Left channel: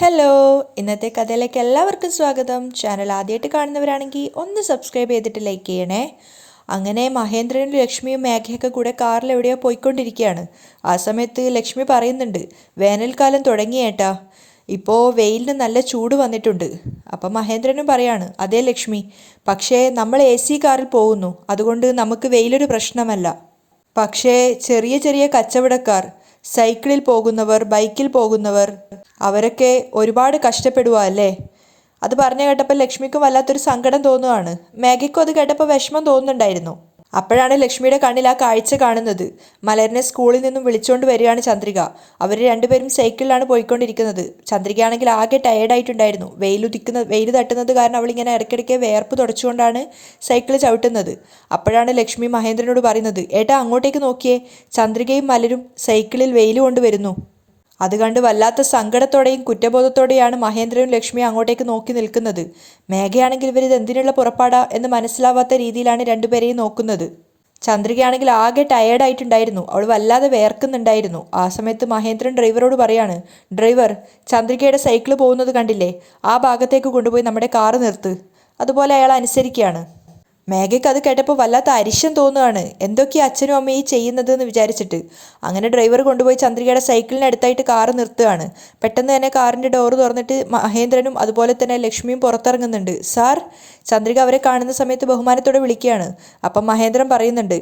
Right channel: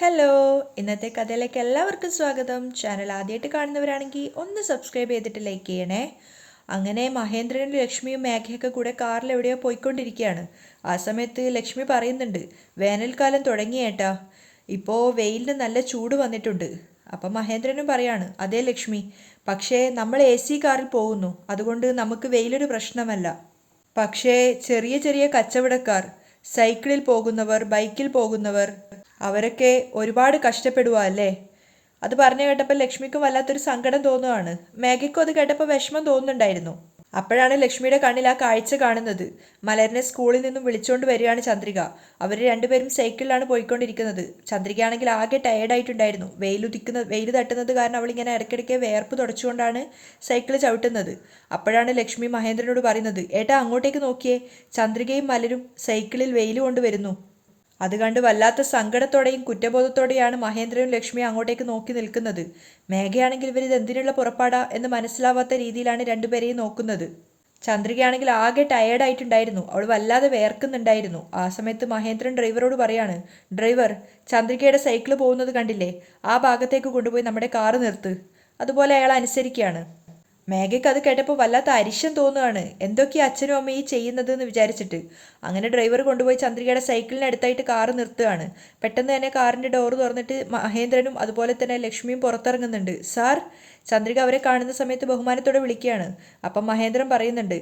Hello, ഇന്നത്തെ കഥയിലേക്ക് എല്ലാവർക്കും സ്വാഗതം. ചാനൽ ആദ്യമായിട്ട് കാണുന്നവരാണെങ്കിൽ ഒന്ന് സബ്സ്ക്രൈബ് ചെയ്തിട്ട് ലൈക്ക് ചെയ്യണേ. അങ്ങനെ മഹേന്ദ്രനും ലക്ഷ്മിയും മേഘയൊക്കെ കൂടെ കാറിൽ എവിടെയോ പോയിക്കൊണ്ടിരിക്കുകയാണ്. ആ സമയത്ത് ലക്ഷ്മി പറയുന്നുണ്ട്, വേനൽക്കാലം തുടങ്ങിയേട്ടാ, ഇപ്പോൾ വെയിലിന് നല്ല ചൂട് വന്നിട്ടുണ്ട്. അപ്പം മഹേന്ദ്രനും പറയാണ്, അതേ ലക്ഷ്മി, പക്ഷേ നമ്മൾ AC കാറിൽ പോകുന്നു, അതുകൊണ്ട് നമുക്ക് വെയിലൊരു പ്രശ്നമല്ല. പക്ഷേ ചെറിയ ചെറിയ കച്ചവടക്കാർ, സൈക്കിളിൽ പോകുന്നവർ, ബൈക്കിൽ പോകുന്നവർ, അവരൊക്കെ ഒരുപാട് കഷ്ടപ്പെടുക അല്ലേ? അത് പറഞ്ഞു കേട്ടപ്പോൾ ലക്ഷ്മിക്കും വല്ലാത്തൊരു സങ്കടം തോന്നുകയാണ്. മേഘയ്ക്കും അത് കേട്ടപ്പോൾ വിഷമം തോന്നുന്നുണ്ടായിരുന്നു. അപ്പോഴാണ് ലക്ഷ്മിയുടെ കണ്ണിൽ ആ കാഴ്ച കാണുന്നത്. മലരിനെ സ്കൂളിൽ നിന്നും വിളിച്ചുകൊണ്ട് വരികയാണ് ചന്ദ്രിക. അവർ രണ്ടുപേരും സൈക്കിളിലാണ് പോയിക്കൊണ്ടിരിക്കുന്നത്. ചന്ദ്രികയാണെങ്കിൽ ആകെ ടയേർഡായിട്ടുണ്ടായിരുന്നു. വെയിൽ തട്ടുന്നത് കാരണം അവളിങ്ങനെ ഇടയ്ക്കിടയ്ക്ക് വേർപ്പ് തുടച്ചുകൊണ്ടാണ് സൈക്കിൾ ചവിട്ടുന്നത്. അപ്പോഴാണ് ലക്ഷ്മി മഹേന്ദ്രനോട് പറയുന്നത്, ഏട്ടാ അങ്ങോട്ടേക്ക് നോക്കിയേ, ചന്ദ്രികയും മലരും സൈക്കിളിൽ വെയിൽ കൊണ്ടുവരുന്നു. അത് കണ്ട് വല്ലാത്ത സങ്കടത്തോടെയും കുറ്റബോധത്തോടെയാണ് മഹേന്ദ്രനും ലക്ഷ്മിയും അങ്ങോട്ടേക്ക് നോക്കി നിൽക്കുന്നത്. മേഘയാണെങ്കിൽ ഇവരിത് എന്തിനുള്ള പുറപ്പാടാ എന്ന് മനസ്സിലാവാത്ത രീതിയിലാണ് രണ്ടുപേരെയും നോക്കുന്നത്. ചന്ദ്രികയാണെങ്കിൽ ആകെ ടയേർഡായിട്ടുണ്ടായിരുന്നു. അവൾ വല്ലാതെ വേർക്കുന്നുണ്ടായിരുന്നു. ആ സമയത്ത് മഹേന്ദ്രൻ ഡ്രൈവറോട് പറയാണ്, ഡ്രൈവർ, ചന്ദ്രികയുടെ സൈക്കിൾ പോകുന്നത് കണ്ടില്ലേ, ആ ഭാഗത്തേക്ക് കൊണ്ടുപോയി നമ്മുടെ കാറ് നിർത്ത്. അതുപോലെ അയാൾ അനുസരിക്കുകയാണ്. മേഘയ്ക്ക് അത് കേട്ടപ്പോൾ വല്ലാത്ത അരിശം തോന്നുകയാണ്. എന്തൊക്കെയാ അച്ഛനും അമ്മയും ചെയ്യുന്നത് എന്ന് വിചാരിച്ചിട്ട്. അങ്ങനെ ഡ്രൈവർ കൊണ്ടുപോയി ചന്ദ്രികയുടെ സൈക്കിളിന് അടുത്തായിട്ട് കാറ് നിർത്തുകയാണ്. പെട്ടെന്ന് തന്നെ കാറിൻ്റെ ഡോറ് തുറന്നിട്ട് മഹേന്ദ്രനും അതുപോലെ തന്നെ ലക്ഷ്മിയും പുറത്തിറങ്ങുന്നുണ്ട്. സാർ, ചന്ദ്രിക അവരെ കാണുന്ന സമയത്ത് ബഹുമാനത്തോടെ വിളിക്കുകയാണ്. അപ്പം മഹേന്ദ്രൻ പറയുന്നുണ്ട്,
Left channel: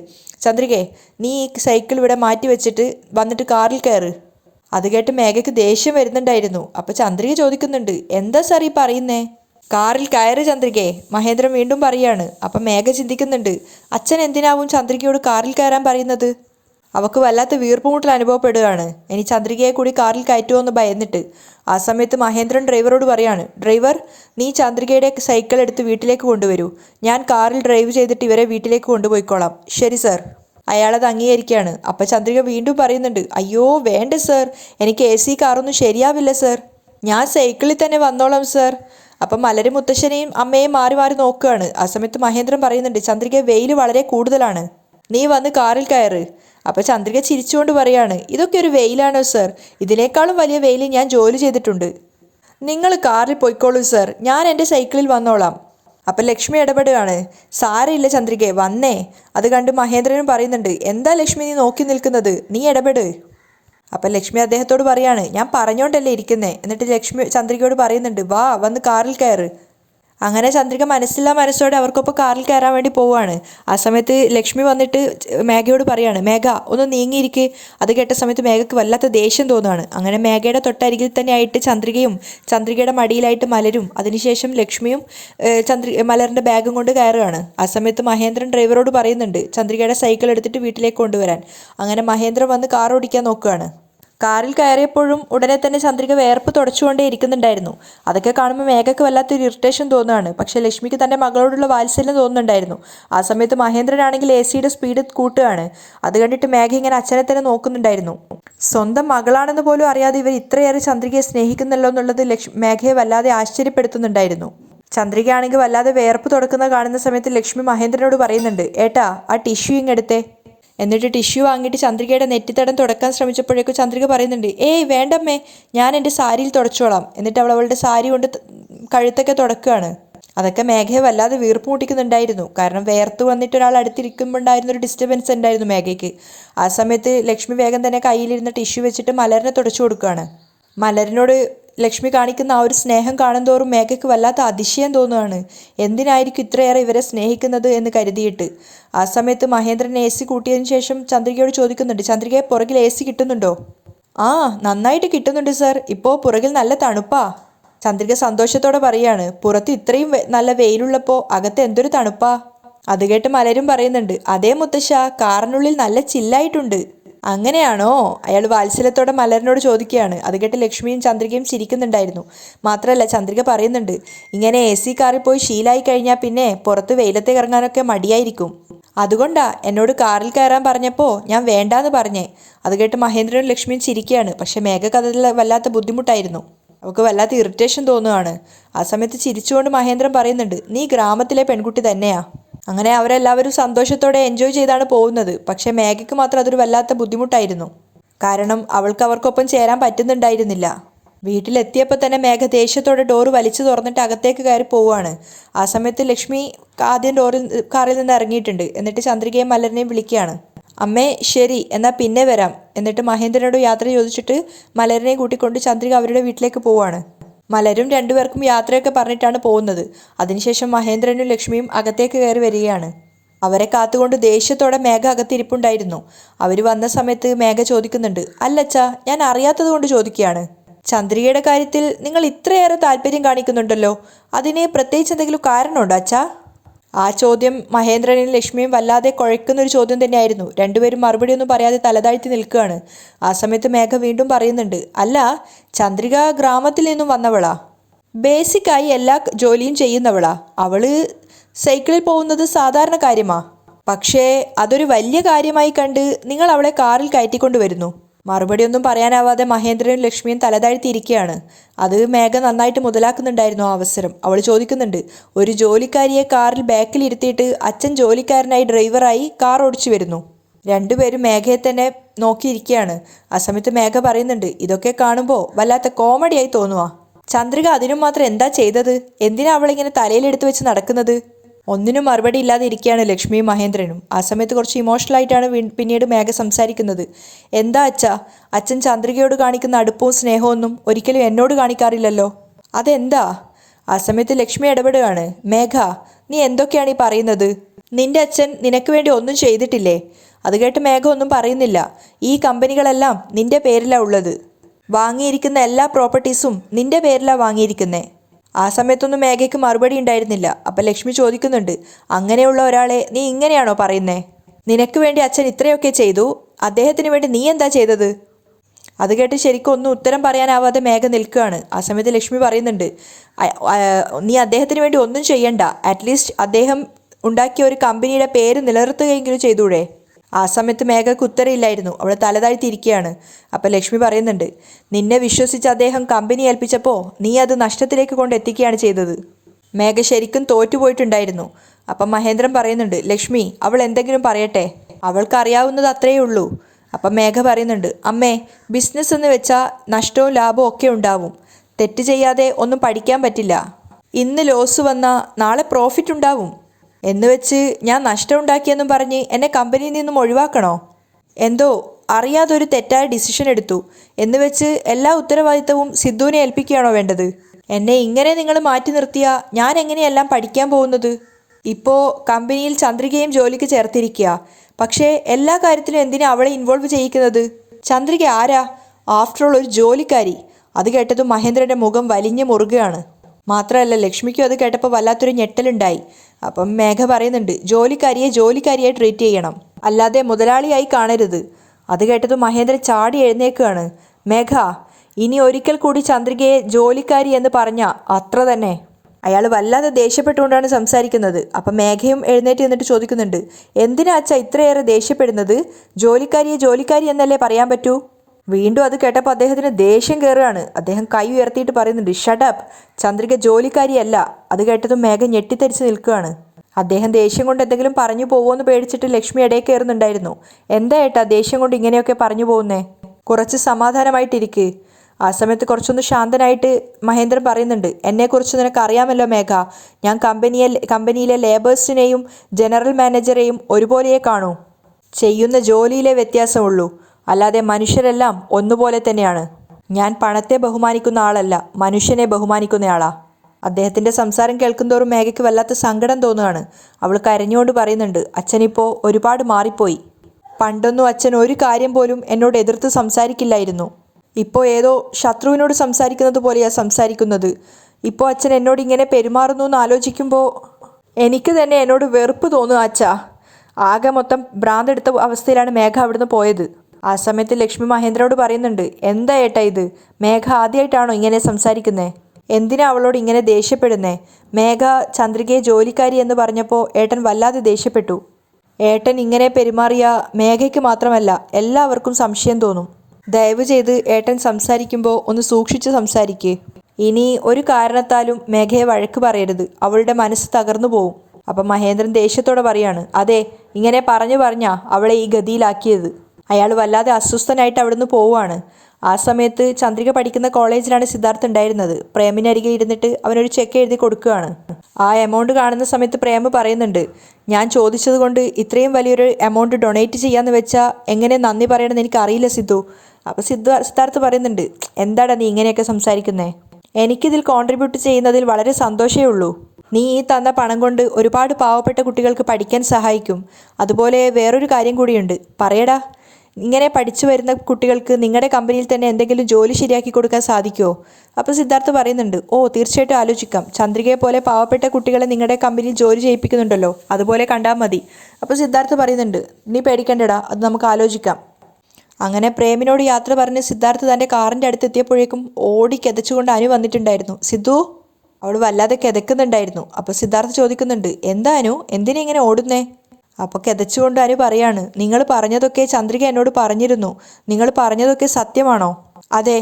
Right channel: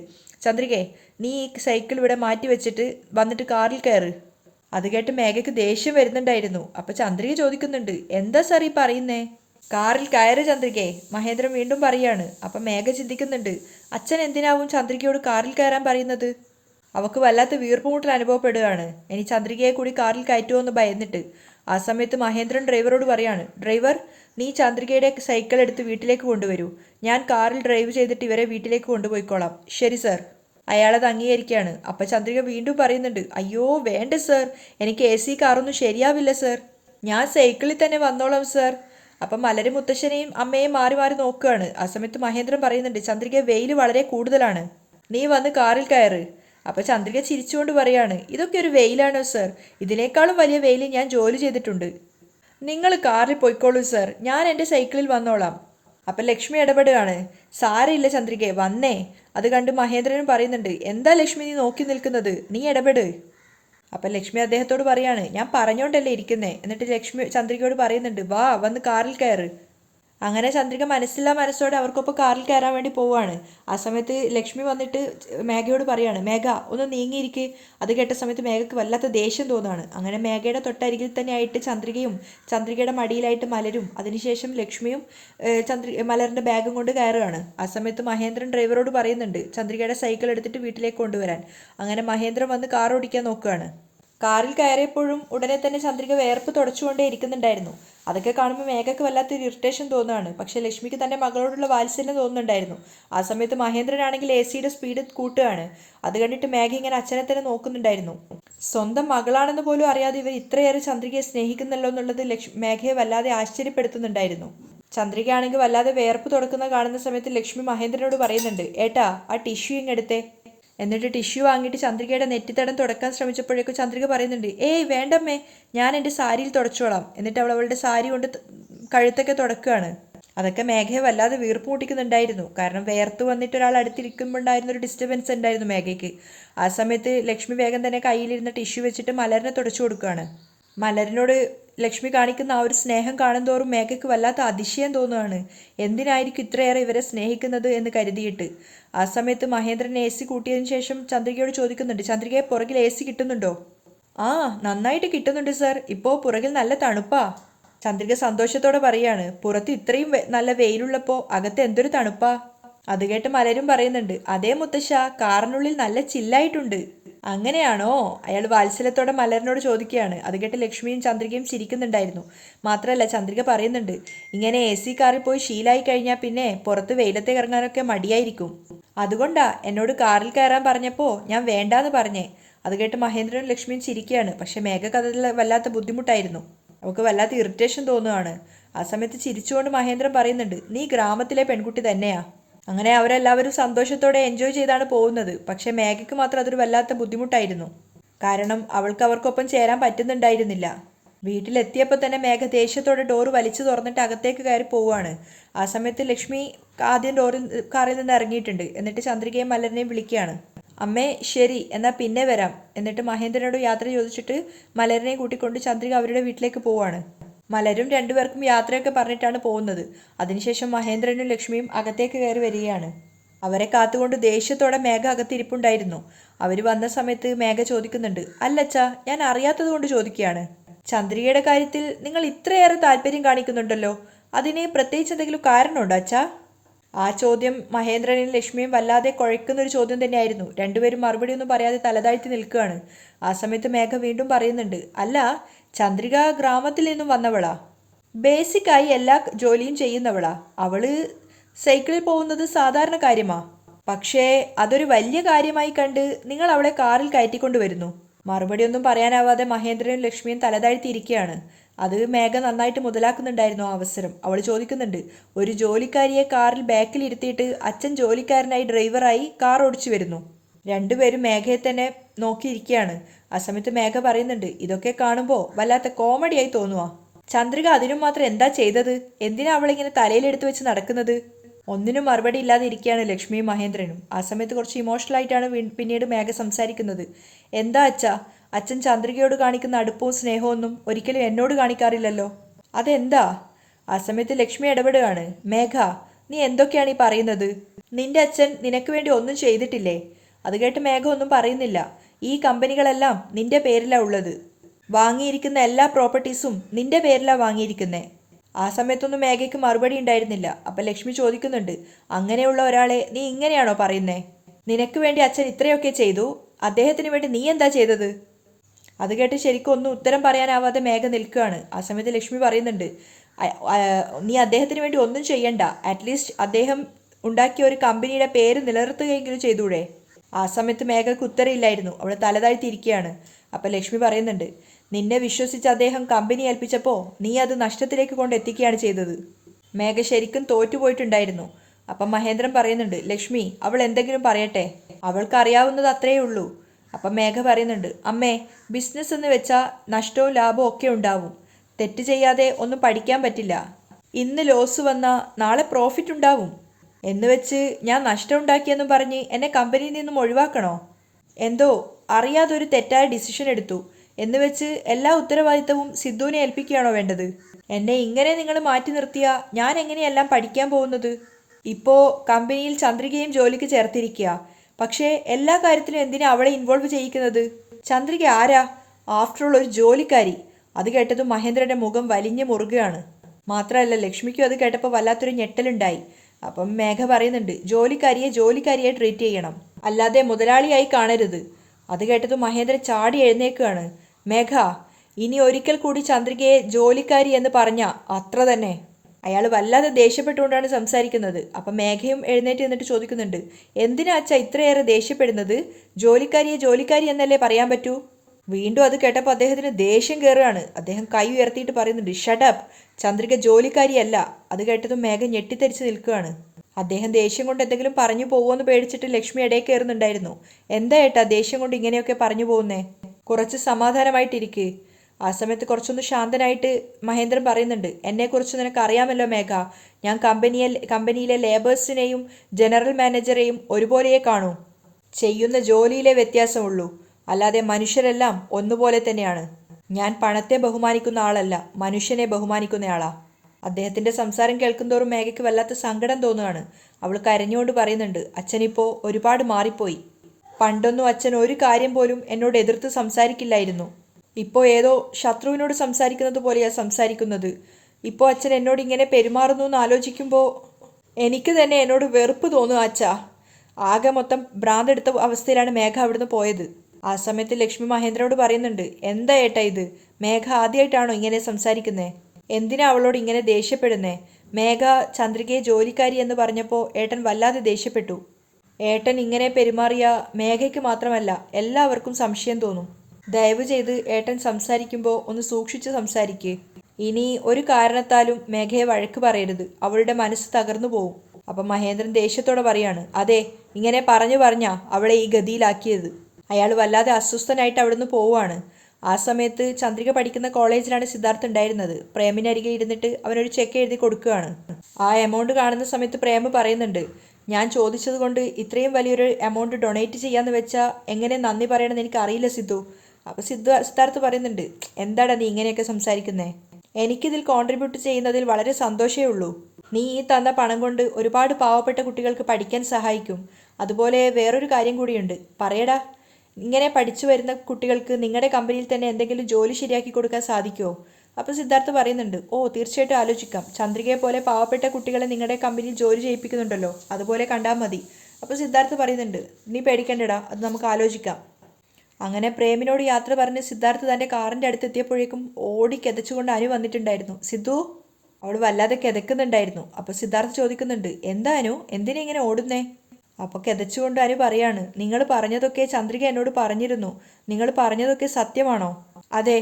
ചന്ദ്രികേ, നീ ഈ സൈക്കിൾ ഇവിടെ മാറ്റി വെച്ചിട്ട് വന്നിട്ട് കാറിൽ കയറ്. അത് കേട്ട് മേഘയ്ക്ക് ദേഷ്യം വരുന്നുണ്ടായിരുന്നു. അപ്പം ചന്ദ്രിക ചോദിക്കുന്നുണ്ട്, എന്താ സാർ ഈ പറയുന്നേ? കാറിൽ കയറ് ചന്ദ്രികയെ, മഹേന്ദ്രൻ വീണ്ടും പറയാണ്. അപ്പം മേഘ ചിന്തിക്കുന്നുണ്ട്, അച്ഛൻ എന്തിനാവും ചന്ദ്രികയോട് കാറിൽ കയറാൻ പറയുന്നത്? അവൾക്ക് വല്ലാത്ത വീർപ്പുമുട്ടൽ അനുഭവപ്പെടുകയാണ്. ഇനി ചന്ദ്രികയെ കൂടി കാറിൽ കയറ്റുമോ എന്ന് ഭയന്നിട്ട്. ആ സമയത്ത് മഹേന്ദ്രൻ ഡ്രൈവറോട് പറയാണ്, ഡ്രൈവർ, നീ ചന്ദ്രികയുടെ സൈക്കിൾ എടുത്ത് വീട്ടിലേക്ക് കൊണ്ടുവരൂ. ഞാൻ കാറിൽ ഡ്രൈവ് ചെയ്തിട്ട് ഇവരെ വീട്ടിലേക്ക് കൊണ്ടുപോയിക്കോളാം. ശരി സർ. അയാളത് അംഗീകരിക്കുകയാണ്. അപ്പം ചന്ദ്രിക വീണ്ടും പറയുന്നുണ്ട്, അയ്യോ വേണ്ട സർ, എനിക്ക് AC കാറൊന്നും ശരിയാവില്ല സർ, ഞാൻ സൈക്കിളിൽ തന്നെ വന്നോളാം സർ. അപ്പം മലരും മുത്തശ്ശനെയും അമ്മയും മാറി മാറി നോക്കുകയാണ്. ആ സമയത്ത് മഹേന്ദ്രൻ പറയുന്നുണ്ട്, ചന്ദ്രിക വെയിൽ വളരെ കൂടുതലാണ്, നീ വന്ന് കാറിൽ കയറ്. അപ്പോൾ ചന്ദ്രിക ചിരിച്ചുകൊണ്ട് പറയാണ്, ഇതൊക്കെ ഒരു വെയിലാണോ സർ? ഇതിനേക്കാളും വലിയ വെയിൽ ഞാൻ ജോലി ചെയ്തിട്ടുണ്ട്. നിങ്ങൾ കാറിൽ പോയിക്കോളൂ സർ, ഞാൻ എൻ്റെ സൈക്കിളിൽ വന്നോളാം. അപ്പം ലക്ഷ്മി ഇടപെടുകയാണ്, സാരമില്ല ചന്ദ്രികെ, വന്നേ. അത് കണ്ട് മഹേന്ദ്രനും പറയുന്നുണ്ട്, എന്താ ലക്ഷ്മി നീ നോക്കി നിൽക്കുന്നത്, നീ ഇടപെട്. അപ്പം ലക്ഷ്മി അദ്ദേഹത്തോട് പറയാണ്, ഞാൻ പറഞ്ഞോണ്ടല്ലേ ഇരിക്കുന്നേ. എന്നിട്ട് ലക്ഷ്മി ചന്ദ്രികയോട് പറയുന്നുണ്ട്, വാ, വന്ന് കാറിൽ കയറ്. അങ്ങനെ ചന്ദ്രിക മനസ്സില്ലാ മനസ്സോടെ അവർക്കൊപ്പം കാറിൽ കയറാൻ വേണ്ടി പോവുകയാണ്. ആ സമയത്ത് ലക്ഷ്മി വന്നിട്ട് മേഘയോട് പറയാണ്, മേഘ ഒന്ന് നീങ്ങിയിരിക്കെ. അത് കേട്ട സമയത്ത് മേഘയ്ക്ക് വല്ലാത്ത ദേഷ്യം തോന്നുകയാണ്. അങ്ങനെ മേഘയുടെ തൊട്ടരികിൽ തന്നെ ആയിട്ട് ചന്ദ്രികയും ചന്ദ്രികയുടെ മടിയിലായിട്ട് മലരും അതിനുശേഷം ലക്ഷ്മിയും മലറിൻ്റെ ബാഗും കൊണ്ട് കയറുകയാണ്. ആ സമയത്ത് മഹേന്ദ്രൻ ഡ്രൈവറോട് പറയുന്നുണ്ട്, ചന്ദ്രികയുടെ സൈക്കിൾ എടുത്തിട്ട് വീട്ടിലേക്ക് കൊണ്ടുവരാൻ. അങ്ങനെ മഹേന്ദ്രൻ വന്ന് കാർ ഓടിക്കാൻ നോക്കുകയാണ്. കാറിൽ കയറിയപ്പോഴും ഉടനെ തന്നെ ചന്ദ്രിക വേർപ്പ് തുടച്ചുകൊണ്ടേ ഇരിക്കുന്നുണ്ടായിരുന്നു. അതൊക്കെ കാണുമ്പോൾ മേഘയ്ക്ക് വല്ലാത്തൊരു ഇറിറ്റേഷൻ തോന്നുകയാണ്. പക്ഷേ ലക്ഷ്മിക്ക് തൻ്റെ മകളോടുള്ള വാത്സല്യം തോന്നുന്നുണ്ടായിരുന്നു. ആ സമയത്ത് മഹേന്ദ്രനാണെങ്കിൽ AC-യുടെ സ്പീഡ് കൂട്ടുകയാണ്. അത് കണ്ടിട്ട് മേഘ ഇങ്ങനെ അച്ഛനെ തന്നെ നോക്കുന്നുണ്ടായിരുന്നു. സ്വന്തം മകളാണെന്ന് പോലും അറിയാതെ ഇവർ ഇത്രയേറെ ചന്ദ്രികയെ സ്നേഹിക്കുന്നല്ലോ എന്നുള്ളത് മേഘയെ വല്ലാതെ ആശ്ചര്യപ്പെടുത്തുന്നുണ്ടായിരുന്നു. ചന്ദ്രികയാണെങ്കിൽ വല്ലാതെ വേർപ്പ് തുടക്കുന്നത് കാണുന്ന സമയത്ത് ലക്ഷ്മി മഹേന്ദ്രനോട് പറയുന്നുണ്ട്, ഏട്ടാ, ആ ടിഷ്യൂ ഇങ്ങെടുത്തേ. എന്നിട്ട് ടിഷ്യൂ വാങ്ങിയിട്ട് ചന്ദ്രികയുടെ നെറ്റിത്തടം തുടക്കാൻ ശ്രമിച്ചപ്പോഴേക്കും ചന്ദ്രിക പറയുന്നുണ്ട്, ഏയ് വേണ്ടമ്മേ, ഞാൻ എൻ്റെ സാരിയിൽ തുടച്ചോളാം. എന്നിട്ട് അവളുടെ സാരി കൊണ്ട് കഴുത്തൊക്കെ തുടക്കുകയാണ്. അതൊക്കെ മേഘയെ വല്ലാതെ വീർപ്പ് മുട്ടിക്കുന്നുണ്ടായിരുന്നു. കാരണം വേർത്ത് വന്നിട്ട് ഒരാൾ അടുത്തിരിക്കുമ്പോൾ ഉണ്ടായിരുന്നൊരു ഡിസ്റ്റർബൻസ് ഉണ്ടായിരുന്നു മേഘയ്ക്ക്. ആ സമയത്ത് ലക്ഷ്മി വേഗം തന്നെ കയ്യിലിരുന്ന ടിഷ്യൂ വെച്ചിട്ട് മലരിനെ തുടച്ചു കൊടുക്കുകയാണ്. മലരിനോട് ലക്ഷ്മി കാണിക്കുന്ന ആ ഒരു സ്നേഹം കാണുന്തോറും മേഘയ്ക്ക് വല്ലാത്ത അതിശയം തോന്നുകയാണ്. എന്തിനായിരിക്കും ഇത്രയേറെ ഇവരെ സ്നേഹിക്കുന്നത് എന്ന് കരുതിയിട്ട്. ആ സമയത്ത് മഹേന്ദ്രൻ AC കൂട്ടിയതിന് ശേഷം ചന്ദ്രികയോട് ചോദിക്കുന്നുണ്ട്, ചന്ദ്രികയെ പുറകിൽ AC കിട്ടുന്നുണ്ടോ? ആ, നന്നായിട്ട് കിട്ടുന്നുണ്ട് സർ, ഇപ്പോൾ പുറകിൽ നല്ല തണുപ്പാ. ചന്ദ്രിക സന്തോഷത്തോടെ പറയാണ്, പുറത്ത് ഇത്രയും നല്ല വെയിലുള്ളപ്പോൾ അകത്ത് എന്തൊരു തണുപ്പാ. അത് കേട്ട് മലരും പറയുന്നുണ്ട്, അതേ മുത്തശ്ശ, കാറിനുള്ളിൽ നല്ല ചില്ലായിട്ടുണ്ട്. അങ്ങനെയാണോ? അയാൾ വാത്സല്യത്തോടെ മലറിനോട് ചോദിക്കുകയാണ്. അത് കേട്ട് ലക്ഷ്മിയും ചന്ദ്രികയും ചിരിക്കുന്നുണ്ടായിരുന്നു. മാത്രമല്ല ചന്ദ്രിക പറയുന്നുണ്ട്, ഇങ്ങനെ AC കാറിൽ പോയി ശീലായി കഴിഞ്ഞാൽ പിന്നെ പുറത്ത് വെയിലത്തേക്ക് ഇറങ്ങാനൊക്കെ മടിയായിരിക്കും. അതുകൊണ്ടാ എന്നോട് കാറിൽ കയറാൻ പറഞ്ഞപ്പോൾ ഞാൻ വേണ്ടാന്ന് പറഞ്ഞേ. അത് കേട്ട് മഹേന്ദ്രനും ലക്ഷ്മിയും ചിരിക്കുകയാണ്. പക്ഷെ മേഘയ്ക്ക് അതിൽ വല്ലാത്ത ബുദ്ധിമുട്ടായിരുന്നു. അവൾക്ക് വല്ലാത്ത ഇറിറ്റേഷൻ തോന്നുകയാണ്. ആ സമയത്ത് ചിരിച്ചുകൊണ്ട് മഹേന്ദ്രൻ പറയുന്നുണ്ട്, നീ ഗ്രാമത്തിലെ പെൺകുട്ടി തന്നെയാ. അങ്ങനെ അവരെല്ലാവരും സന്തോഷത്തോടെ എൻജോയ് ചെയ്താണ് പോകുന്നത്. പക്ഷേ മേഘയ്ക്ക് മാത്രം അതൊരു വല്ലാത്ത ബുദ്ധിമുട്ടായിരുന്നു. കാരണം അവർക്കൊപ്പം ചേരാൻ പറ്റുന്നുണ്ടായിരുന്നില്ല. വീട്ടിലെത്തിയപ്പോൾ തന്നെ മേഘ ദേഷ്യത്തോടെ ഡോറ് വലിച്ചു തുറന്നിട്ട് അകത്തേക്ക് കയറി പോവുകയാണ്. ആ സമയത്ത് ലക്ഷ്മി ആദ്യം കാറിൽ നിന്ന് ഇറങ്ങിയിട്ടുണ്ട്. എന്നിട്ട് ചന്ദ്രികയും മലരിനെയും വിളിക്കുകയാണ്. അമ്മേ ശരി, എന്നാൽ പിന്നെ വരാം. എന്നിട്ട് മഹേന്ദ്രനോട് യാത്ര ചോദിച്ചിട്ട് മലരിനെ കൂട്ടിക്കൊണ്ട് ചന്ദ്രിക അവരുടെ വീട്ടിലേക്ക് പോവുകയാണ്. മലരും രണ്ടുപേർക്കും യാത്രയൊക്കെ പറഞ്ഞിട്ടാണ് പോകുന്നത്. അതിനുശേഷം മഹേന്ദ്രനും ലക്ഷ്മിയും അകത്തേക്ക് കയറി വരികയാണ്. അവരെ കാത്തുകൊണ്ട് ദേഷ്യത്തോടെ മേഘ അകത്തിരിപ്പുണ്ടായിരുന്നു. അവർ വന്ന സമയത്ത് മേഘ ചോദിക്കുന്നുണ്ട്, അല്ലച്ചാ, ഞാൻ അറിയാത്തത് കൊണ്ട് ചോദിക്കുകയാണ്. ചന്ദ്രികയുടെ കാര്യത്തിൽ നിങ്ങൾ ഇത്രയേറെ താല്പര്യം കാണിക്കുന്നുണ്ടല്ലോ, അതിന് പ്രത്യേകിച്ച് എന്തെങ്കിലും കാരണമുണ്ടോ അച്ഛാ? ആ ചോദ്യം മഹേന്ദ്രനും ലക്ഷ്മിയും വല്ലാതെ കുഴക്കുന്നൊരു ചോദ്യം തന്നെയായിരുന്നു. രണ്ടുപേരും മറുപടിയൊന്നും പറയാതെ തലതാഴ്ത്തി നിൽക്കുകയാണ്. ആ സമയത്ത് മേഘ വീണ്ടും പറയുന്നുണ്ട്, അല്ല, ചന്ദ്രിക ഗ്രാമത്തിൽ നിന്നും വന്നവളാ, ബേസിക്കായി എല്ലാ ജോലിയും ചെയ്യുന്നവളാ. അവള് സൈക്കിളിൽ പോകുന്നത് സാധാരണ കാര്യമാ. പക്ഷേ അതൊരു വലിയ കാര്യമായി കണ്ട് നിങ്ങൾ അവളെ കാറിൽ കയറ്റിക്കൊണ്ട് വരുന്നു. മറുപടിയൊന്നും പറയാനാവാതെ മഹേന്ദ്രനും ലക്ഷ്മിയും തലതാഴ്ത്തിയിരിക്കുകയാണ്. അത് മേഘ നന്നായിട്ട് മുതലാക്കുന്നുണ്ടായിരുന്നു ആ അവസരം. അവൾ ചോദിക്കുന്നുണ്ട്, ഒരു ജോലിക്കാരിയെ കാറിൽ ബാക്കിൽ ഇരുത്തിയിട്ട് അച്ഛൻ ജോലിക്കാരനായി ഡ്രൈവറായി കാർ ഓടിച്ചു വരുന്നു. രണ്ടുപേരും മേഘയെ തന്നെ നോക്കിയിരിക്കുകയാണ്. ആ സമയത്ത് മേഘ പറയുന്നുണ്ട്, ഇതൊക്കെ കാണുമ്പോൾ വല്ലാത്ത കോമഡിയായി തോന്നുക. ചന്ദ്രിക അതിനും മാത്രം എന്താ ചെയ്തത്? എന്തിനാ അവളിങ്ങനെ തലയിലെടുത്ത് വെച്ച് നടക്കുന്നത്? ഒന്നിനും മറുപടി ഇല്ലാതെ ഇരിക്കുകയാണ് ലക്ഷ്മിയും മഹേന്ദ്രനും. ആ സമയത്ത് കുറച്ച് ഇമോഷണലായിട്ടാണ് പിന്നീട് മേഘ സംസാരിക്കുന്നത്. എന്താ അച്ഛാ, അച്ഛൻ ചന്ദ്രികയോട് കാണിക്കുന്ന അടുപ്പവും സ്നേഹമൊന്നും ഒരിക്കലും എന്നോട് കാണിക്കാറില്ലല്ലോ, അതെന്താ? ആ സമയത്ത് ലക്ഷ്മി ഇടപെടുകയാണ്. മേഘ, നീ എന്തൊക്കെയാണ് ഈ പറയുന്നത്? നിന്റെ അച്ഛൻ നിനക്ക് വേണ്ടി ഒന്നും ചെയ്തിട്ടില്ലേ? അത് കേട്ട് മേഘ ഒന്നും പറയുന്നില്ല. ഈ കമ്പനികളെല്ലാം നിന്റെ പേരിലാണ് ഉള്ളത്. വാങ്ങിയിരിക്കുന്ന എല്ലാ പ്രോപ്പർട്ടീസും നിന്റെ പേരിലാണ് വാങ്ങിയിരിക്കുന്നേ. ആ സമയത്തൊന്നും മേഘയ്ക്ക് മറുപടി ഉണ്ടായിരുന്നില്ല. അപ്പം ലക്ഷ്മി ചോദിക്കുന്നുണ്ട്, അങ്ങനെയുള്ള ഒരാളെ നീ ഇങ്ങനെയാണോ പറയുന്നേ? നിനക്ക് വേണ്ടി അച്ഛൻ ഇത്രയൊക്കെ ചെയ്തു, അദ്ദേഹത്തിന് വേണ്ടി നീ എന്താ ചെയ്തത്? അത് കേട്ട് ശരിക്കും ഒന്നും ഉത്തരം പറയാനാവാതെ മേഘ നിൽക്കുകയാണ്. ആ സമയത്ത് ലക്ഷ്മി പറയുന്നുണ്ട്, നീ അദ്ദേഹത്തിന് വേണ്ടി ഒന്നും ചെയ്യണ്ട, അറ്റ്ലീസ്റ്റ് അദ്ദേഹം ഉണ്ടാക്കിയ ഒരു കമ്പനിയുടെ പേര് നിലനിർത്തുകയെങ്കിലും ചെയ്തൂടെ? ആ സമയത്ത് മേഘയ്ക്ക് ഉത്തരമില്ലായിരുന്നു. അവൾ തലതാഴ്ത്തിയിരിക്കുകയാണ്. അപ്പം ലക്ഷ്മി പറയുന്നുണ്ട്, നിന്നെ വിശ്വസിച്ച് അദ്ദേഹം കമ്പനി ഏൽപ്പിച്ചപ്പോൾ നീ അത് നഷ്ടത്തിലേക്ക് കൊണ്ടെത്തിക്കുകയാണ് ചെയ്തത്. മേഘ ശരിക്കും തോറ്റുപോയിട്ടുണ്ടായിരുന്നു. അപ്പം മഹേന്ദ്രൻ പറയുന്നുണ്ട്, ലക്ഷ്മി, അവൾ എന്തെങ്കിലും പറയട്ടെ, അവൾക്ക് അറിയാവുന്നത് അത്രയേ ഉള്ളൂ. അപ്പം മേഘ പറയുന്നുണ്ട്, അമ്മേ, ബിസിനസ് എന്ന് വെച്ചാൽ നഷ്ടവും ലാഭവും ഒക്കെ ഉണ്ടാവും. തെറ്റ് ചെയ്യാതെ ഒന്നും പഠിക്കാൻ പറ്റില്ല. ഇന്ന് ലോസ് വന്നാൽ നാളെ പ്രോഫിറ്റ് ഉണ്ടാവും എന്ന് വെച്ച് ഞാൻ നഷ്ടം ഉണ്ടാക്കിയെന്നും പറഞ്ഞ് എന്നെ കമ്പനിയിൽ നിന്നും ഒഴിവാക്കണോ? എന്തോ അറിയാതെ ഒരു തെറ്റായ ഡിസിഷൻ എടുത്തു എന്ന് വെച്ച് എല്ലാ ഉത്തരവാദിത്തവും സിദ്ധുവിനെ ഏൽപ്പിക്കുകയാണോ വേണ്ടത്? എന്നെ ഇങ്ങനെ നിങ്ങൾ മാറ്റി നിർത്തിയാൽ ഞാൻ എങ്ങനെയെല്ലാം പഠിക്കാൻ പോകുന്നത്? ഇപ്പോൾ കമ്പനിയിൽ ചന്ദ്രികയും ജോലിക്ക് ചേർത്തിരിക്കുക. പക്ഷേ എല്ലാ കാര്യത്തിലും എന്തിനാ അവളെ ഇൻവോൾവ് ചെയ്യിക്കുന്നത്? ചന്ദ്രിക ആരാ? ആഫ്റ്റർ ഓൾ ഒരു ജോലിക്കാരി. അത് കേട്ടതും മഹേന്ദ്രൻ്റെ മുഖം വലിഞ്ഞു മുറുകയാണ്. മാത്രമല്ല ലക്ഷ്മിക്കും അത് കേട്ടപ്പോൾ വല്ലാത്തൊരു ഞെട്ടലുണ്ടായി. അപ്പം മേഘ പറയുന്നുണ്ട്, ജോലിക്കാരിയെ ജോലിക്കാരിയായി ട്രീറ്റ് ചെയ്യണം, അല്ലാതെ മുതലാളിയായി കാണരുത്. അത് കേട്ടതും മഹേന്ദ്രൻ ചാടി എഴുന്നേക്കുകയാണ്. മേഘ, ഇനി ഒരിക്കൽ കൂടി ചന്ദ്രികയെ ജോലിക്കാരി എന്ന് പറഞ്ഞ അത്ര തന്നെ. അയാൾ വല്ലാതെ ദേഷ്യപ്പെട്ടുകൊണ്ടാണ് സംസാരിക്കുന്നത്. അപ്പം മേഘയും എഴുന്നേറ്റ് നിന്നിട്ട് ചോദിക്കുന്നുണ്ട്, എന്തിനാ അച്ഛാ ഇത്രയേറെ ദേഷ്യപ്പെടുന്നത്? ജോലിക്കാരിയെ ജോലിക്കാരി എന്നല്ലേ പറയാൻ പറ്റൂ? വീണ്ടും അത് കേട്ടപ്പോൾ അദ്ദേഹത്തിന് ദേഷ്യം കയറുകയാണ്. അദ്ദേഹം കൈ ഉയർത്തിയിട്ട് പറയുന്നുണ്ട്, ഷട്ടപ്പ്, ചന്ദ്രിക ജോലിക്കാരിയല്ല. അത് കേട്ടതും മേഘ ഞെട്ടിത്തരിച്ച് നിൽക്കുകയാണ്. അദ്ദേഹം ദേഷ്യം കൊണ്ട് എന്തെങ്കിലും പറഞ്ഞു പോകുമെന്ന് പേടിച്ചിട്ട് ലക്ഷ്മി ഇടയിൽ കയറുന്നുണ്ടായിരുന്നു. എന്താ ഏട്ടാ ദേഷ്യം കൊണ്ട് ഇങ്ങനെയൊക്കെ പറഞ്ഞു പോകുന്നേ? കുറച്ച് സമാധാനമായിട്ടിരിക്കുക. ആ സമയത്ത് കുറച്ചൊന്ന് ശാന്തനായിട്ട് മഹേന്ദ്രൻ പറയുന്നുണ്ട്, എന്നെക്കുറിച്ച് നിനക്ക് അറിയാമല്ലോ മേഘ, ഞാൻ കമ്പനിയിലെ ലേബേഴ്സിനെയും ജനറൽ മാനേജറെയും ഒരുപോലെയേ കാണൂ. ചെയ്യുന്ന ജോലിയിലെ വ്യത്യാസമുള്ളൂ, അല്ലാതെ മനുഷ്യരെല്ലാം ഒന്നുപോലെ തന്നെയാണ്. ഞാൻ പണത്തെ ബഹുമാനിക്കുന്ന ആളല്ല, മനുഷ്യനെ ബഹുമാനിക്കുന്നയാളാ. അദ്ദേഹത്തിൻ്റെ സംസാരം കേൾക്കുന്തോറും മേഘയ്ക്ക് വല്ലാത്ത സങ്കടം തോന്നുകയാണ്. അവൾ കരഞ്ഞുകൊണ്ട് പറയുന്നുണ്ട്, അച്ഛനിപ്പോൾ ഒരുപാട് മാറിപ്പോയി. പണ്ടൊന്നും അച്ഛൻ ഒരു കാര്യം പോലും എന്നോട് എതിർത്ത് സംസാരിക്കില്ലായിരുന്നു. ഇപ്പോൾ ഏതോ ശത്രുവിനോട് സംസാരിക്കുന്നത് പോലെയാണ് സംസാരിക്കുന്നത്. ഇപ്പോൾ അച്ഛൻ എന്നോട് ഇങ്ങനെ പെരുമാറുന്നു എന്ന് ആലോചിക്കുമ്പോൾ എനിക്ക് തന്നെ എന്നോട് വെറുപ്പ് തോന്നുക അച്ഛാ. ആകെ മൊത്തം ഭ്രാന്തെടുത്ത അവസ്ഥയിലാണ് മേഘ അവിടുന്ന് പോയത്. ആ സമയത്ത് ലക്ഷ്മി മഹേന്ദ്രനോട് പറയുന്നുണ്ട്, എന്താ ഏട്ടാ ഇത്? മേഘ ആദ്യമായിട്ടാണോ ഇങ്ങനെ സംസാരിക്കുന്നത്? എന്തിനാ അവളോട് ഇങ്ങനെ ദേഷ്യപ്പെടുന്നേ? മേഘ ചന്ദ്രികയെ ജോലിക്കാരി എന്ന് പറഞ്ഞപ്പോൾ ഏട്ടൻ വല്ലാതെ ദേഷ്യപ്പെട്ടു. ഏട്ടൻ ഇങ്ങനെ പെരുമാറിയ മേഘയ്ക്ക് മാത്രമല്ല എല്ലാവർക്കും സംശയം തോന്നും. ദയവ് ചെയ്ത് ഏട്ടൻ സംസാരിക്കുമ്പോൾ ഒന്ന് സൂക്ഷിച്ച് സംസാരിക്കേ. ഇനി ഒരു കാരണത്താലും മേഘയെ വഴക്ക് പറയരുത്, അവളുടെ മനസ്സ് തകർന്നു പോവും. അപ്പം മഹേന്ദ്രൻ ദേഷ്യത്തോടെ പറയാണ്, അതെ, ഇങ്ങനെ പറഞ്ഞാ അവളെ ഈ ഗതിയിലാക്കിയത്. അയാൾ വല്ലാതെ അസ്വസ്ഥനായിട്ട് അവിടുന്ന് പോവുകയാണ്. ആ സമയത്ത് ചന്ദ്രിക പഠിക്കുന്ന കോളേജിലാണ് സിദ്ധാർത്ഥ് ഉണ്ടായിരുന്നത്. പ്രേമിനരികെ ഇരുന്നിട്ട് അവനൊരു ചെക്ക് എഴുതി കൊടുക്കുകയാണ്. ആ എമൗണ്ട് കാണുന്ന സമയത്ത് പ്രേമ് പറയുന്നുണ്ട്, ഞാൻ ചോദിച്ചത് കൊണ്ട് ഇത്രയും വലിയൊരു എമൗണ്ട് ഡൊണേറ്റ് ചെയ്യാന്ന് വെച്ചാൽ എങ്ങനെ നന്ദി പറയണമെന്ന് എനിക്കറിയില്ല സിദ്ധു. അപ്പോൾ സിദ്ധാർത്ഥ് പറയുന്നുണ്ട്, എന്താടാ നീ ഇങ്ങനെയൊക്കെ സംസാരിക്കുന്നേ? എനിക്കിതിൽ കോൺട്രിബ്യൂട്ട് ചെയ്യുന്നതിൽ വളരെ സന്തോഷമേ ഉള്ളൂ. നീ ഈ തന്ന പണം കൊണ്ട് ഒരുപാട് പാവപ്പെട്ട കുട്ടികൾക്ക് പഠിക്കാൻ സഹായിക്കും. അതുപോലെ വേറൊരു കാര്യം കൂടിയുണ്ട്, പറയടാ. ഇങ്ങനെ പഠിച്ചു വരുന്ന കുട്ടികൾക്ക് നിങ്ങളുടെ കമ്പനിയിൽ തന്നെ എന്തെങ്കിലും ജോലി ശരിയാക്കി കൊടുക്കാൻ സാധിക്കുമോ? അപ്പോൾ സിദ്ധാർത്ഥ് പറയുന്നുണ്ട്, ഓ തീർച്ചയായിട്ടും ആലോചിക്കാം. ചന്ദ്രികയെ പോലെ പാവപ്പെട്ട കുട്ടികളെ നിങ്ങളുടെ കമ്പനിയിൽ ജോലി ചെയ്യിപ്പിക്കുന്നുണ്ടല്ലോ, അതുപോലെ കണ്ടാൽ മതി. അപ്പോൾ സിദ്ധാർത്ഥ് പറയുന്നുണ്ട്, നീ പേടിക്കണ്ടടാ, അത് നമുക്ക് ആലോചിക്കാം. അങ്ങനെ പ്രേമിനോട് യാത്ര പറഞ്ഞ് സിദ്ധാർത്ഥ് തൻ്റെ കാറിൻ്റെ അടുത്തെത്തിയപ്പോഴേക്കും ഓടി കിതച്ചുകൊണ്ട് അനു വന്നിട്ടുണ്ടായിരുന്നു. സിദ്ധു, അവൾ വല്ലാതെ കിതക്കുന്നുണ്ടായിരുന്നു. അപ്പോൾ സിദ്ധാർത്ഥ് ചോദിക്കുന്നുണ്ട്, എന്താ അനു, എന്തിനാ ഇങ്ങനെ ഓടുന്നേ? അപ്പോൾ കിതച്ചുകൊണ്ട് അനു പറയാണ്, നിങ്ങൾ പറഞ്ഞതൊക്കെ ചന്ദ്രിക എന്നോട് പറഞ്ഞിരുന്നു. നിങ്ങൾ പറഞ്ഞതൊക്കെ സത്യമാണോ? അതെ.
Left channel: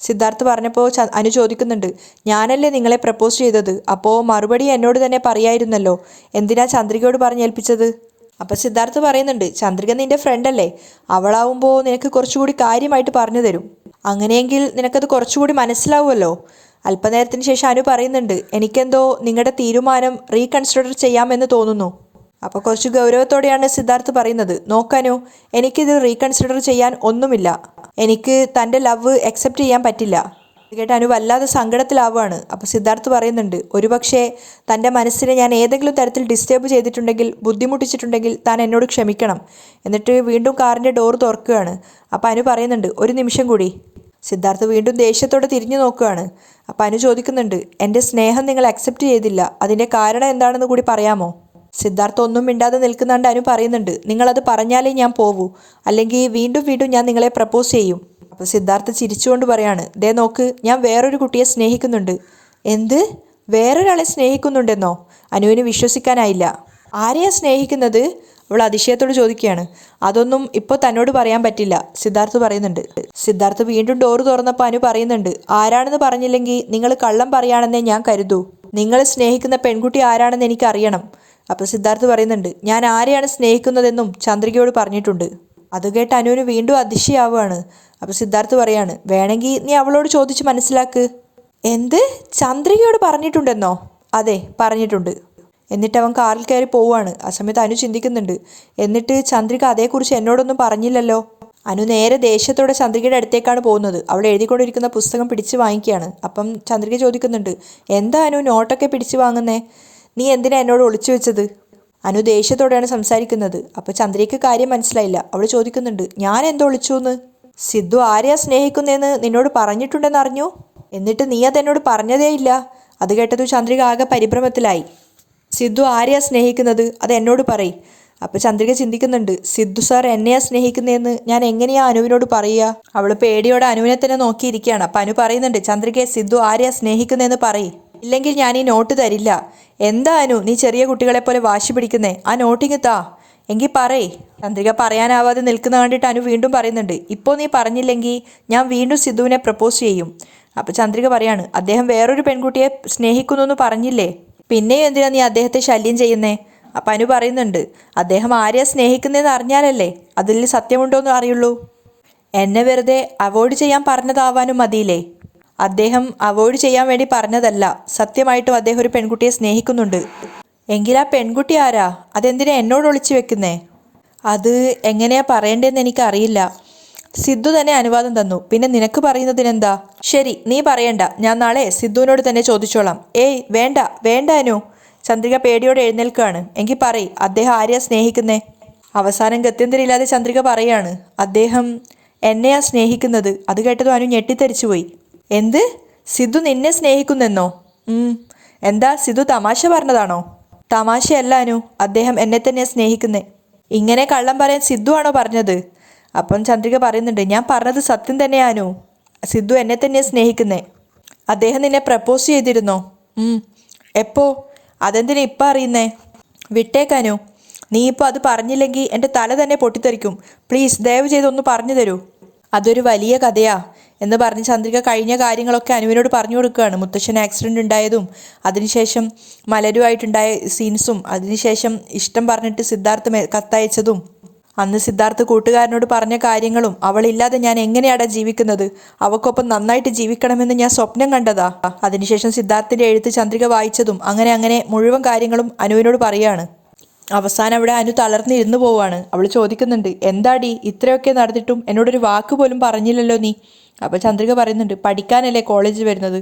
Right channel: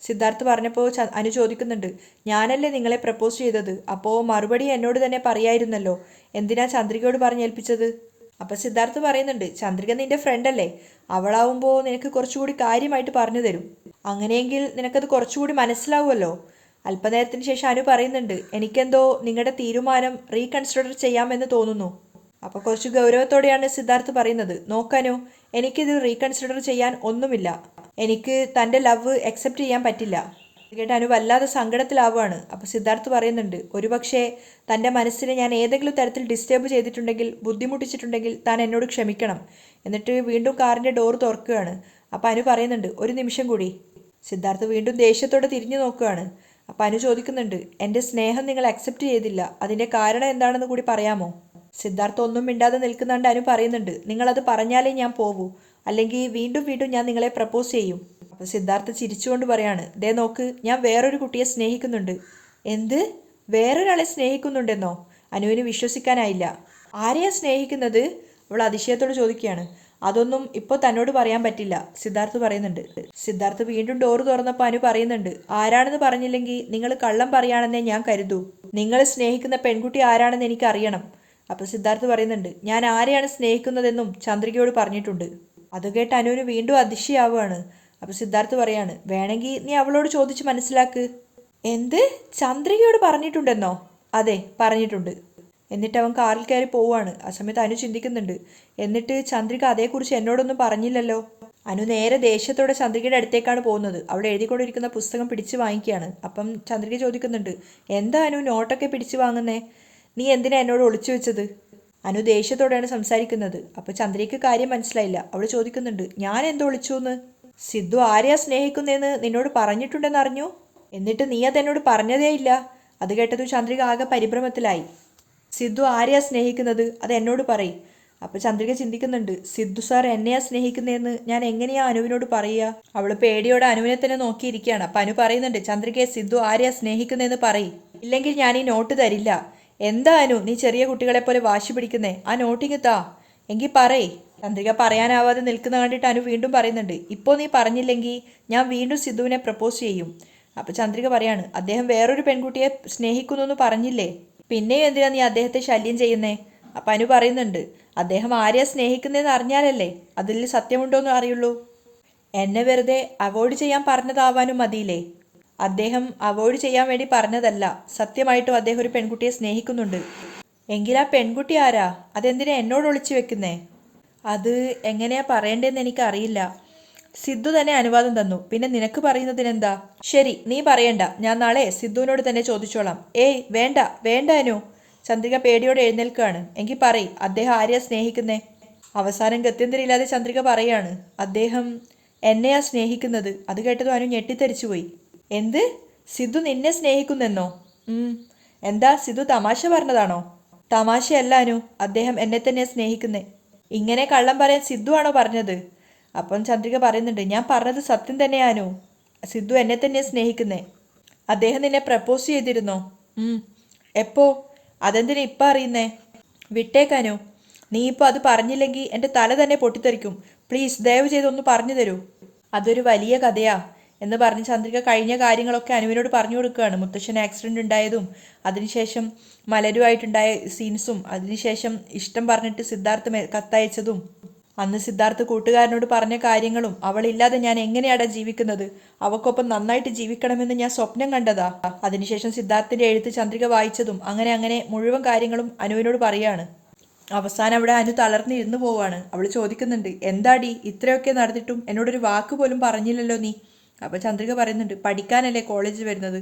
സിദ്ധാർത്ഥ് പറഞ്ഞപ്പോൾ അനു ചോദിക്കുന്നുണ്ട്, ഞാനല്ലേ നിങ്ങളെ പ്രപ്പോസ് ചെയ്തത്, അപ്പോൾ മറുപടി എന്നോട് തന്നെ പറയായിരുന്നല്ലോ, എന്തിനാ ചന്ദ്രികയോട് പറഞ്ഞേൽപ്പിച്ചത്? അപ്പം സിദ്ധാർത്ഥ് പറയുന്നുണ്ട്, ചന്ദ്രിക നിൻ്റെ ഫ്രണ്ടല്ലേ, അവളാവുമ്പോൾ നിനക്ക് കുറച്ചുകൂടി കാര്യമായിട്ട് പറഞ്ഞു തരും. അങ്ങനെയെങ്കിൽ നിനക്കത് കുറച്ചുകൂടി മനസ്സിലാവുമല്ലോ. അല്പനേരത്തിന് ശേഷം അനു പറയുന്നുണ്ട്, എനിക്കെന്തോ നിങ്ങളുടെ തീരുമാനം റീകൺസിഡർ ചെയ്യാമെന്ന് തോന്നുന്നു. അപ്പോൾ കുറച്ച് ഗൗരവത്തോടെയാണ് സിദ്ധാർത്ഥ് പറയുന്നത്, നോക്കാനോ, എനിക്കിത് റീകൺസിഡർ ചെയ്യാൻ ഒന്നുമില്ല. എനിക്ക് തൻ്റെ ലവ് അക്സെപ്റ്റ് ചെയ്യാൻ പറ്റില്ല. കേട്ട് അനു വല്ലാതെ സങ്കടത്തിലാവുകയാണ്. അപ്പോൾ സിദ്ധാർത്ഥ് പറയുന്നുണ്ട്, ഒരുപക്ഷെ തൻ്റെ മനസ്സിനെ ഞാൻ ഏതെങ്കിലും തരത്തിൽ ഡിസ്റ്റർബ് ചെയ്തിട്ടുണ്ടെങ്കിൽ, ബുദ്ധിമുട്ടിച്ചിട്ടുണ്ടെങ്കിൽ താൻ എന്നോട് ക്ഷമിക്കണം. എന്നിട്ട് വീണ്ടും കാറിൻ്റെ ഡോർ തുറക്കുകയാണ്. അപ്പോൾ അനു പറയുന്നുണ്ട്, ഒരു നിമിഷം കൂടി. സിദ്ധാർത്ഥ് വീണ്ടും ദേഷ്യത്തോടെ തിരിഞ്ഞു നോക്കുകയാണ്. അപ്പോൾ അനു ചോദിക്കുന്നുണ്ട്, എൻ്റെ സ്നേഹം നിങ്ങൾ അക്സെപ്റ്റ് ചെയ്തില്ല, അതിൻ്റെ കാരണം എന്താണെന്ന് കൂടി പറയാമോ? സിദ്ധാർത്ഥ് ഒന്നും മിണ്ടാതെ നിൽക്കുന്നുണ്ട്. അനു പറയുന്നുണ്ട്, നിങ്ങളത് പറഞ്ഞാലേ ഞാൻ പോവൂ, അല്ലെങ്കിൽ വീണ്ടും വീണ്ടും ഞാൻ നിങ്ങളെ പ്രപ്പോസ് ചെയ്യും. അപ്പോൾ സിദ്ധാർത്ഥ് ചിരിച്ചുകൊണ്ട് പറയാണ്, ദേ നോക്ക്, ഞാൻ വേറൊരു കുട്ടിയെ സ്നേഹിക്കുന്നുണ്ട്. എന്ത്? വേറൊരാളെ സ്നേഹിക്കുന്നുണ്ടെന്നോ? അനുവിന് വിശ്വസിക്കാനായില്ല. ആരെയാ സ്നേഹിക്കുന്നത്? അവൾ അതിശയത്തോട് ചോദിക്കുകയാണ്. അതൊന്നും ഇപ്പോൾ തന്നോട് പറയാൻ പറ്റില്ല, സിദ്ധാർത്ഥ് പറയുന്നുണ്ട്. സിദ്ധാർത്ഥ് വീണ്ടും ഡോറ് തുറന്നപ്പോൾ അനു പറയുന്നുണ്ട്, ആരാണെന്ന് പറഞ്ഞില്ലെങ്കിൽ നിങ്ങൾ കള്ളം പറയുകയാണെന്നേ ഞാൻ കരുതൂ. നിങ്ങൾ സ്നേഹിക്കുന്ന പെൺകുട്ടി ആരാണെന്ന് എനിക്കറിയണം. അപ്പോൾ സിദ്ധാർത്ഥ് പറയുന്നുണ്ട്, ഞാൻ ആരെയാണ് സ്നേഹിക്കുന്നതെന്നും ചന്ദ്രികയോട് പറഞ്ഞിട്ടുണ്ട്. അത് കേട്ട് അനുവിന് വീണ്ടും അതിശയാവുകയാണ്. അപ്പോൾ സിദ്ധാർത്ഥ് പറയാണ്, വേണമെങ്കിൽ നീ അവളോട് ചോദിച്ച് മനസ്സിലാക്ക്. എന്ത്? ചന്ദ്രികയോട് പറഞ്ഞിട്ടുണ്ടെന്നോ? അതെ, പറഞ്ഞിട്ടുണ്ട്. എന്നിട്ട് അവൻ കാറിൽ കയറി പോവുകയാണ്. ആ സമയത്ത് അനു ചിന്തിക്കുന്നുണ്ട്, എന്നിട്ട് ചന്ദ്രിക അതേക്കുറിച്ച് എന്നോടൊന്നും പറഞ്ഞില്ലല്ലോ. അനു നേരെ ദേഷ്യത്തോടെ ചന്ദ്രികയുടെ അടുത്തേക്കാണ് പോകുന്നത്. അവൾ എഴുതിക്കൊണ്ടിരിക്കുന്ന പുസ്തകം പിടിച്ച് വാങ്ങിക്കുകയാണ്. അപ്പം ചന്ദ്രിക ചോദിക്കുന്നുണ്ട്, എന്താ അനു നോട്ടൊക്കെ പിടിച്ച് വാങ്ങുന്നേ? നീ എന്തിനാ എന്നോട് ഒളിച്ചു വെച്ചത്? അനു ദേഷ്യത്തോടെയാണ് സംസാരിക്കുന്നത്. അപ്പോൾ ചന്ദ്രികയ്ക്ക് കാര്യം മനസ്സിലായില്ല. അവൾ ചോദിക്കുന്നുണ്ട്, ഞാൻ എന്തോ ഒളിച്ചു എന്ന്? സിദ്ധു ആരെയാ സ്നേഹിക്കുന്നതെന്ന് നിന്നോട് പറഞ്ഞിട്ടുണ്ടെന്ന് അറിഞ്ഞു, എന്നിട്ട് നീ അതെന്നോട് പറഞ്ഞതേയില്ല. അത് കേട്ടത് ചന്ദ്രിക ആകെ പരിഭ്രമത്തിലായി. സിദ്ധു ആരെയാ സ്നേഹിക്കുന്നത്, അത് എന്നോട് പറയും. അപ്പോൾ ചന്ദ്രിക ചിന്തിക്കുന്നുണ്ട്, സിദ്ധു സാർ എന്നെയാ സ്നേഹിക്കുന്നതെന്ന് ഞാൻ എങ്ങനെയാ അനുവിനോട് പറയുക? അവൾ പേടിയോടെ അനുവിനെ തന്നെ നോക്കിയിരിക്കുകയാണ്. അപ്പം അനു പറയുന്നുണ്ട്, ചന്ദ്രികയെ സിദ്ധു ആരെയാ സ്നേഹിക്കുന്നതെന്ന് പറയും, ഇല്ലെങ്കിൽ ഞാൻ ഈ നോട്ട് തരില്ല. എന്താ അനു നീ ചെറിയ കുട്ടികളെ പോലെ വാശി പിടിക്കുന്നേ? ആ നോട്ടിങ് താ, എങ്കിൽ പറയേ. ചന്ദ്രിക പറയാനാവാതെ നിൽക്കുന്ന കണ്ടിട്ട് അനു വീണ്ടും പറയുന്നുണ്ട്, ഇപ്പോൾ നീ പറഞ്ഞില്ലെങ്കിൽ ഞാൻ വീണ്ടും സിദ്ധുവിനെ പ്രപ്പോസ് ചെയ്യും. അപ്പോൾ ചന്ദ്രിക പറയാണ്, അദ്ദേഹം വേറൊരു പെൺകുട്ടിയെ സ്നേഹിക്കുന്നു എന്ന് പറഞ്ഞില്ലേ, പിന്നെയും എന്തിനാ നീ അദ്ദേഹത്തെ ശല്യം ചെയ്യുന്നേ? അപ്പം അനു പറയുന്നുണ്ട്, അദ്ദേഹം ആരെയാ സ്നേഹിക്കുന്നതെന്ന് അറിഞ്ഞാലല്ലേ അതിൽ സത്യമുണ്ടോ എന്ന് അറിയുള്ളൂ. എന്നെ വെറുതെ അവോയ്ഡ് ചെയ്യാൻ പറഞ്ഞതാവാനും മതിയില്ലേ? അദ്ദേഹം അവോയ്ഡ് ചെയ്യാൻ വേണ്ടി പറഞ്ഞതല്ല, സത്യമായിട്ടും അദ്ദേഹം ഒരു പെൺകുട്ടിയെ സ്നേഹിക്കുന്നുണ്ട്. എങ്കിൽ ആ പെൺകുട്ടി ആരാ? അതെന്തിനാ എന്നോട് ഒളിച്ചു വെക്കുന്നേ? അത് എങ്ങനെയാ പറയേണ്ടതെന്ന് എനിക്കറിയില്ല. സിദ്ധു തന്നെ അനുവാദം തന്നു, പിന്നെ നിനക്ക് പറയുന്നതിനെന്താ? ശരി, നീ പറയണ്ട, ഞാൻ നാളെ സിദ്ധുവിനോട് തന്നെ ചോദിച്ചോളാം. ഏയ് വേണ്ട വേണ്ട അനു. ചന്ദ്രിക പേടിയോടെ എഴുന്നേൽക്കുകയാണ്. എങ്കിൽ പറയ്, അദ്ദേഹം ആരെയാ സ്നേഹിക്കുന്നേ? അവസാനം ഗത്യന്തരമില്ലാതെ ചന്ദ്രിക പറയാണ്, അദ്ദേഹം എന്നെയാ സ്നേഹിക്കുന്നത്. അത് കേട്ടതും അനു ഞെട്ടിത്തെറിച്ചു പോയി. എന്ത്? സിദ്ധു നിന്നെ സ്നേഹിക്കുന്നെന്നോ? എന്താ സിദ്ധു തമാശ പറഞ്ഞതാണോ? തമാശയല്ല അനു, അദ്ദേഹം എന്നെ തന്നെയാണ് സ്നേഹിക്കുന്നേ. ഇങ്ങനെ കള്ളം പറയാൻ സിദ്ധു ആണോ പറഞ്ഞത്? അപ്പം ചന്ദ്രിക പറയുന്നുണ്ട്, ഞാൻ പറഞ്ഞത് സത്യം തന്നെയാനു, സിദ്ധു എന്നെ തന്നെയാണ് സ്നേഹിക്കുന്നേ. അദ്ദേഹം നിന്നെ പ്രപ്പോസ് ചെയ്തിരുന്നോ? എപ്പോ? അതെന്തിനാ ഇപ്പം അറിയുന്നേ? വിട്ടേക്കാനു, നീ ഇപ്പോൾ അത് പറഞ്ഞില്ലെങ്കിൽ എൻ്റെ തല തന്നെ പൊട്ടിത്തെറിക്കും. പ്ലീസ് ദയവ് ചെയ്തൊന്ന് പറഞ്ഞു തരൂ. അതൊരു വലിയ കഥയാ എന്ന് പറഞ്ഞ് ചന്ദ്രിക കഴിഞ്ഞ കാര്യങ്ങളൊക്കെ അനുവിനോട് പറഞ്ഞു കൊടുക്കുകയാണ്. മുത്തശ്ശൻ ആക്സിഡൻ്റ് ഉണ്ടായതും അതിനുശേഷം മലരുമായിട്ടുണ്ടായ സീൻസും അതിനുശേഷം ഇഷ്ടം പറഞ്ഞിട്ട് സിദ്ധാർത്ഥ് കത്തയച്ചതും അന്ന് സിദ്ധാർത്ഥ് കൂട്ടുകാരനോട് പറഞ്ഞ കാര്യങ്ങളും അവളില്ലാതെ ഞാൻ എങ്ങനെയാടാ ജീവിക്കുന്നത്, അവക്കൊപ്പം നന്നായിട്ട് ജീവിക്കണമെന്ന് ഞാൻ സ്വപ്നം കണ്ടതാ. അതിനുശേഷം സിദ്ധാർത്ഥിന്റെ എഴുത്ത് ചന്ദ്രിക വായിച്ചതും അങ്ങനെ അങ്ങനെ മുഴുവൻ കാര്യങ്ങളും അനുവിനോട് പറയാണ്. അവസാനം അവിടെ അനു തളർന്നിരുന്നു പോവാണ്. അവൾ ചോദിക്കുന്നുണ്ട്, എന്താടി ഇത്രയൊക്കെ നടന്നിട്ടും എന്നോടൊരു വാക്ക് പോലും പറഞ്ഞില്ലല്ലോ നീ. അപ്പോൾ ചന്ദ്രിക പറയുന്നുണ്ട്, പഠിക്കാനല്ലേ കോളേജിൽ വരുന്നത്,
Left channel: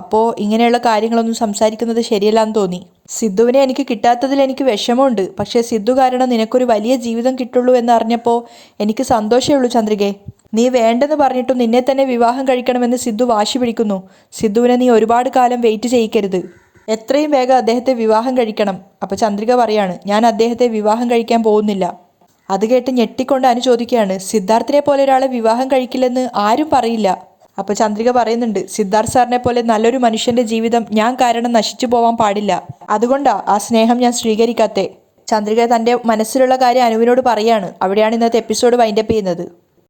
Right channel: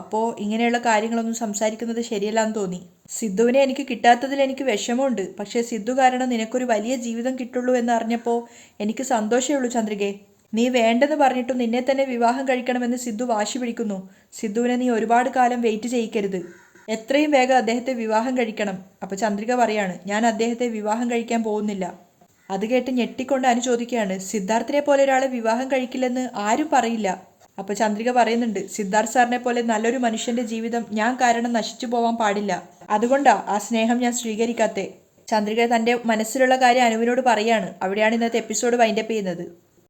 അപ്പോൾ ഇങ്ങനെയുള്ള കാര്യങ്ങളൊന്നും സംസാരിക്കുന്നത് ശരിയല്ലാന്ന് തോന്നി. സിദ്ധുവിനെ എനിക്ക് കിട്ടാത്തതിൽ എനിക്ക് വിഷമമുണ്ട്, പക്ഷേ സിദ്ധു കാരണം നിനക്കൊരു വലിയ ജീവിതം കിട്ടുള്ളൂ എന്നറിഞ്ഞപ്പോൾ എനിക്ക് സന്തോഷമേ ഉള്ളൂ ചന്ദ്രികേ. നീ വേണ്ടെന്ന് പറഞ്ഞിട്ടും നിന്നെ തന്നെ വിവാഹം കഴിക്കണമെന്ന് സിദ്ധു വാശി പിടിക്കുന്നു. സിദ്ധുവിനെ നീ ഒരുപാട് കാലം വെയിറ്റ് ചെയ്യിക്കരുത്. എത്രയും വേഗം അദ്ദേഹത്തെ വിവാഹം കഴിക്കണം. അപ്പോൾ ചന്ദ്രിക പറയാണ്, ഞാൻ അദ്ദേഹത്തെ വിവാഹം കഴിക്കാൻ പോകുന്നില്ല. അത് കേട്ട് ഞെട്ടിക്കൊണ്ട് അനു ചോദിക്കുകയാണ്, സിദ്ധാർത്ഥിനെ പോലെ ഒരാളെ വിവാഹം കഴിക്കില്ലെന്ന് ആരും പറയില്ല. അപ്പോൾ ചന്ദ്രിക പറയുന്നുണ്ട്, സിദ്ധാർത്ഥ് സാറിനെ പോലെ നല്ലൊരു മനുഷ്യന്റെ ജീവിതം ഞാൻ കാരണം നശിച്ചു പോവാൻ പാടില്ല. അതുകൊണ്ടാ ആ സ്നേഹം ഞാൻ സ്വീകരിക്കാത്തേ. ചന്ദ്രിക തൻ്റെ മനസ്സിലുള്ള കാര്യം അനുവിനോട് പറയാണ്. അവിടെയാണ് ഇന്നത്തെ എപ്പിസോഡ് വൈൻഡപ്പ് ചെയ്യുന്നത്.